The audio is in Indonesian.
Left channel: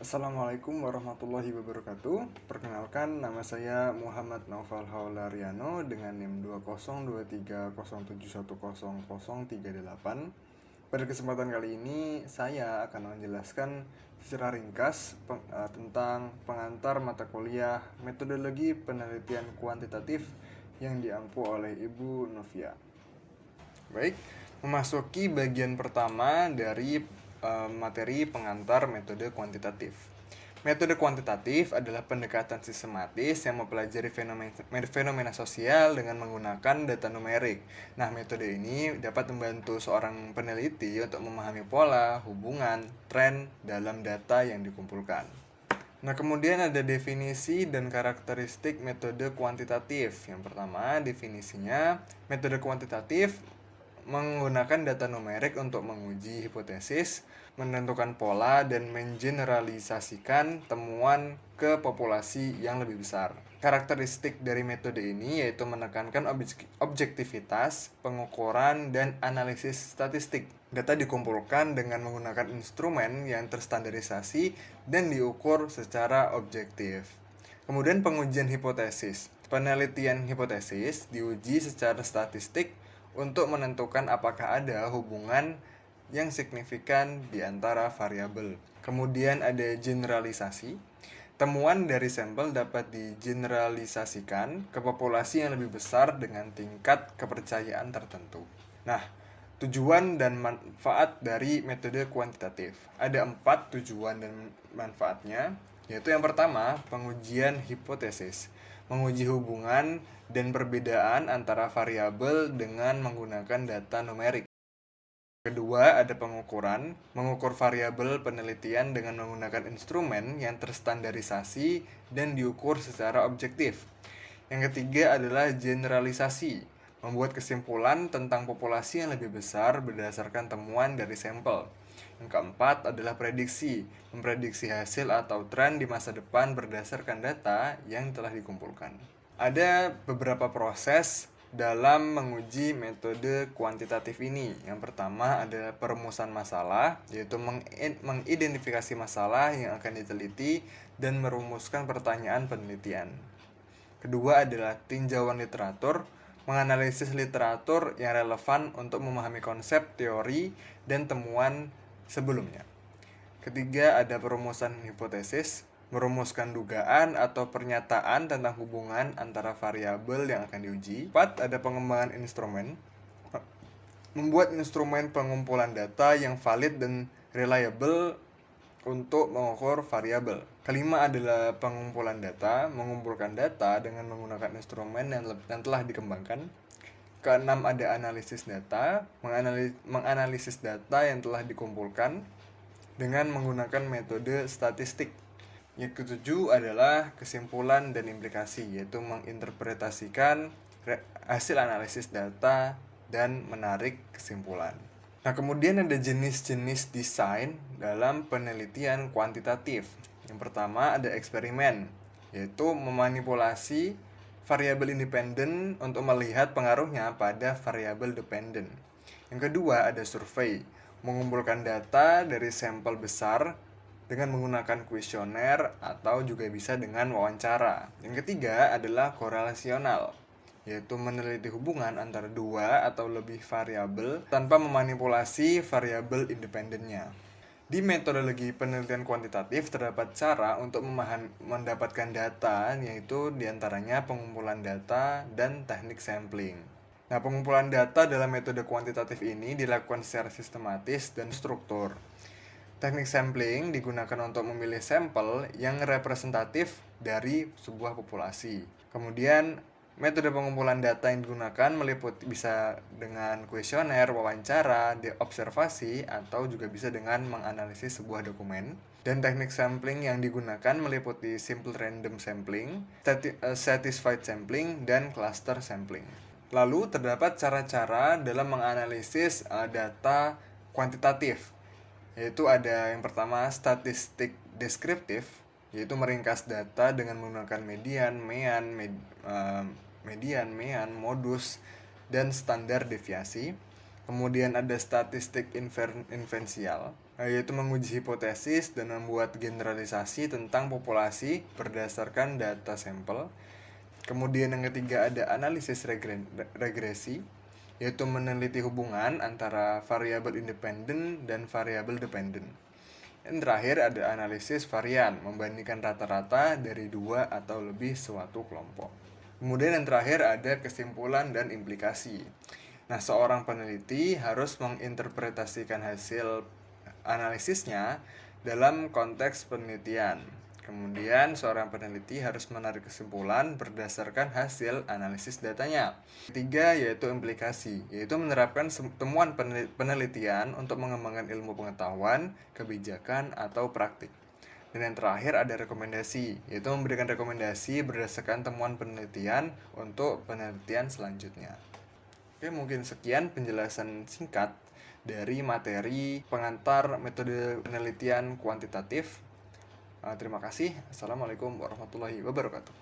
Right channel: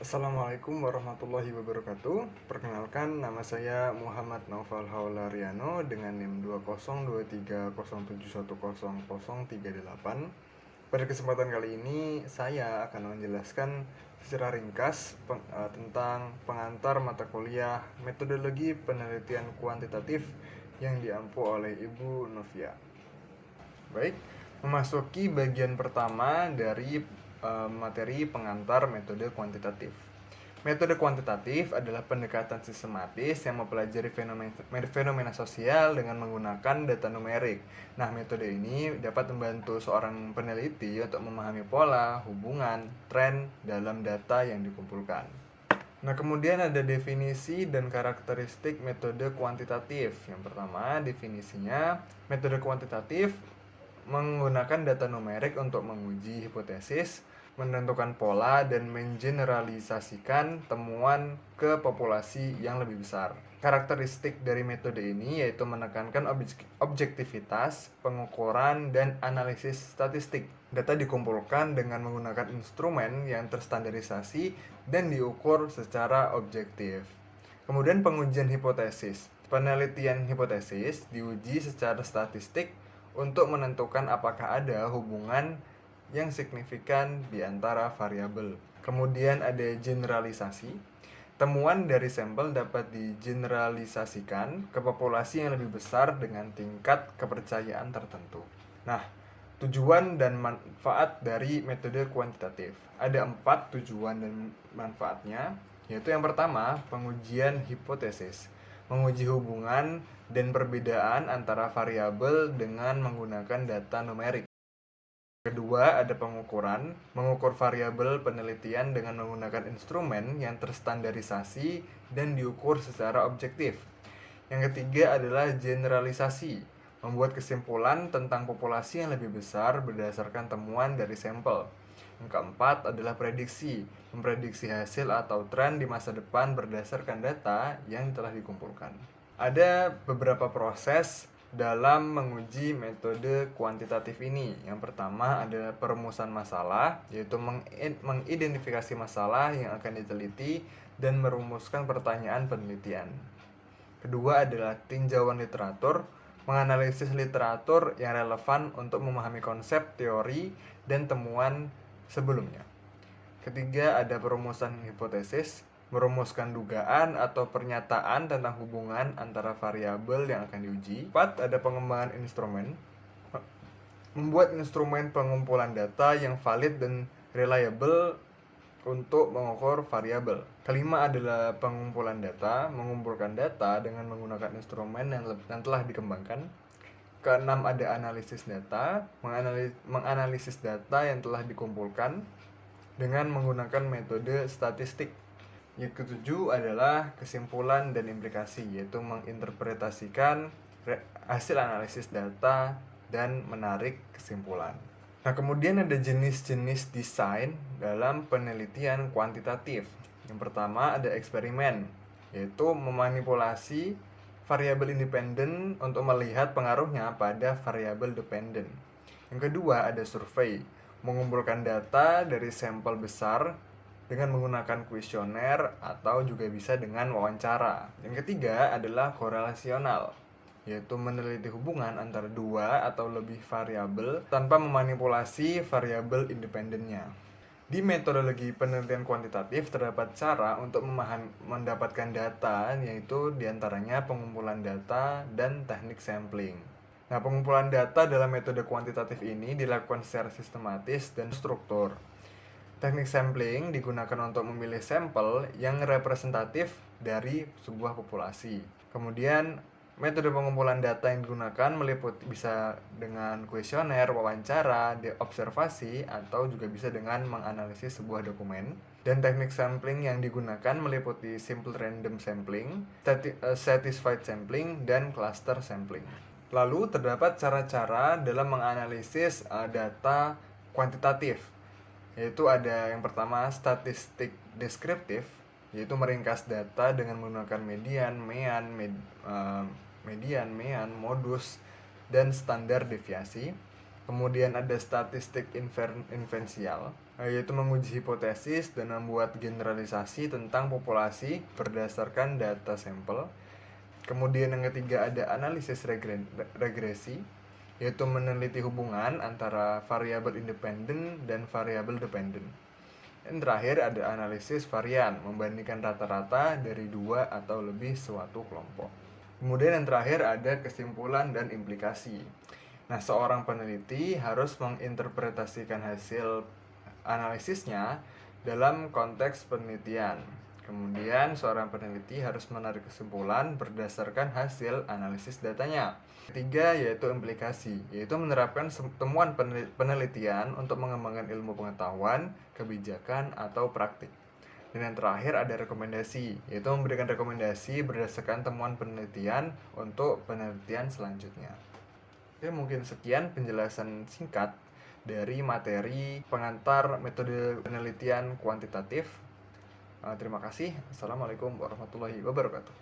Assalamualaikum warahmatullahi wabarakatuh. Perkenalkan, nama saya Muhammad Naufal Haulariano dengan NIM 20230710038. Pada kesempatan kali ini, saya akan menjelaskan secara ringkas tentang pengantar mata kuliah metodologi penelitian kuantitatif yang diampu oleh Ibu Novia. Baik, memasuki bagian pertama dari materi pengantar metode kuantitatif. Metode kuantitatif adalah pendekatan sistematis yang mempelajari fenomena sosial dengan menggunakan data numerik. Nah, metode ini dapat membantu seorang peneliti untuk memahami pola, hubungan, tren dalam data yang dikumpulkan. Nah, kemudian ada definisi dan karakteristik metode kuantitatif. Yang pertama, definisinya, metode kuantitatif menggunakan data numerik untuk menguji hipotesis, menentukan pola, dan mengeneralisasikan temuan ke populasi yang lebih besar. Karakteristik dari metode ini yaitu menekankan objektivitas, pengukuran, dan analisis statistik. Data dikumpulkan dengan menggunakan instrumen yang terstandarisasi dan diukur secara objektif. Kemudian pengujian hipotesis. Penelitian hipotesis diuji secara statistik untuk menentukan apakah ada hubungan yang signifikan di antara variabel. Kemudian ada generalisasi. Temuan dari sampel dapat digeneralisasikan ke populasi yang lebih besar dengan tingkat kepercayaan tertentu. Nah, tujuan dan manfaat dari metode kuantitatif. Ada 4 tujuan dan manfaatnya, yaitu yang pertama, pengujian hipotesis. Menguji hubungan dan perbedaan antara variabel dengan menggunakan data numerik. Kedua, ada pengukuran. Mengukur variabel penelitian dengan menggunakan instrumen yang terstandarisasi dan diukur secara objektif. Yang ketiga adalah generalisasi. Membuat kesimpulan tentang populasi yang lebih besar berdasarkan temuan dari sampel. Yang keempat adalah prediksi. Memprediksi hasil atau tren di masa depan berdasarkan data yang telah dikumpulkan. Ada beberapa proses dalam menguji metode kuantitatif ini. Yang pertama adalah perumusan masalah, yaitu mengidentifikasi masalah yang akan diteliti dan merumuskan pertanyaan penelitian. Kedua adalah tinjauan literatur, menganalisis literatur yang relevan untuk memahami konsep, teori, dan temuan sebelumnya. Ketiga ada perumusan hipotesis, merumuskan dugaan atau pernyataan tentang hubungan antara variabel yang akan diuji. 4. Ada pengembangan instrumen, membuat instrumen pengumpulan data yang valid dan reliable untuk mengukur variabel. Kelima adalah pengumpulan data, mengumpulkan data dengan menggunakan instrumen yang telah dikembangkan. Keenam ada analisis data, menganalisis data yang telah dikumpulkan dengan menggunakan metode statistik. Yang ketujuh adalah kesimpulan dan implikasi, yaitu menginterpretasikan hasil analisis data dan menarik kesimpulan. Nah, kemudian ada jenis-jenis desain dalam penelitian kuantitatif. Yang pertama ada eksperimen, yaitu memanipulasi variabel independen untuk melihat pengaruhnya pada variabel dependen. Yang kedua ada survei, mengumpulkan data dari sampel besar dengan menggunakan kuesioner atau juga bisa dengan wawancara. Yang ketiga adalah korelasional, yaitu meneliti hubungan antara dua atau lebih variabel tanpa memanipulasi variabel independennya. Di metodologi penelitian kuantitatif terdapat cara untuk mendapatkan data, yaitu diantaranya pengumpulan data dan teknik sampling. Nah, pengumpulan data dalam metode kuantitatif ini dilakukan secara sistematis dan struktur. Teknik sampling digunakan untuk memilih sampel yang representatif dari sebuah populasi. Kemudian, metode pengumpulan data yang digunakan meliputi bisa dengan kuesioner, wawancara, observasi, atau juga bisa dengan menganalisis sebuah dokumen. Dan teknik sampling yang digunakan meliputi simple random sampling, satisfied sampling, dan cluster sampling. Lalu terdapat cara-cara dalam menganalisis data kuantitatif, yaitu ada yang pertama statistik deskriptif, yaitu meringkas data dengan menggunakan median, mean, modus, dan standar deviasi. Kemudian ada statistik inferensial, yaitu menguji hipotesis dan membuat generalisasi tentang populasi berdasarkan data sampel. Kemudian yang ketiga ada analisis regresi, yaitu meneliti hubungan antara variabel independen dan variabel dependen. Dan terakhir ada analisis varian, membandingkan rata-rata dari dua atau lebih suatu kelompok. Kemudian yang terakhir ada kesimpulan dan implikasi. Nah, seorang peneliti harus menginterpretasikan hasil analisisnya dalam konteks penelitian. Kemudian, seorang peneliti harus menarik kesimpulan berdasarkan hasil analisis datanya. Ketiga, yaitu implikasi, yaitu menerapkan temuan penelitian untuk mengembangkan ilmu pengetahuan, kebijakan, atau praktik. Dan yang terakhir ada rekomendasi, yaitu memberikan rekomendasi berdasarkan temuan penelitian untuk penelitian selanjutnya. Oke, mungkin sekian penjelasan singkat dari materi pengantar metode penelitian kuantitatif. Terima kasih. Assalamualaikum warahmatullahi wabarakatuh.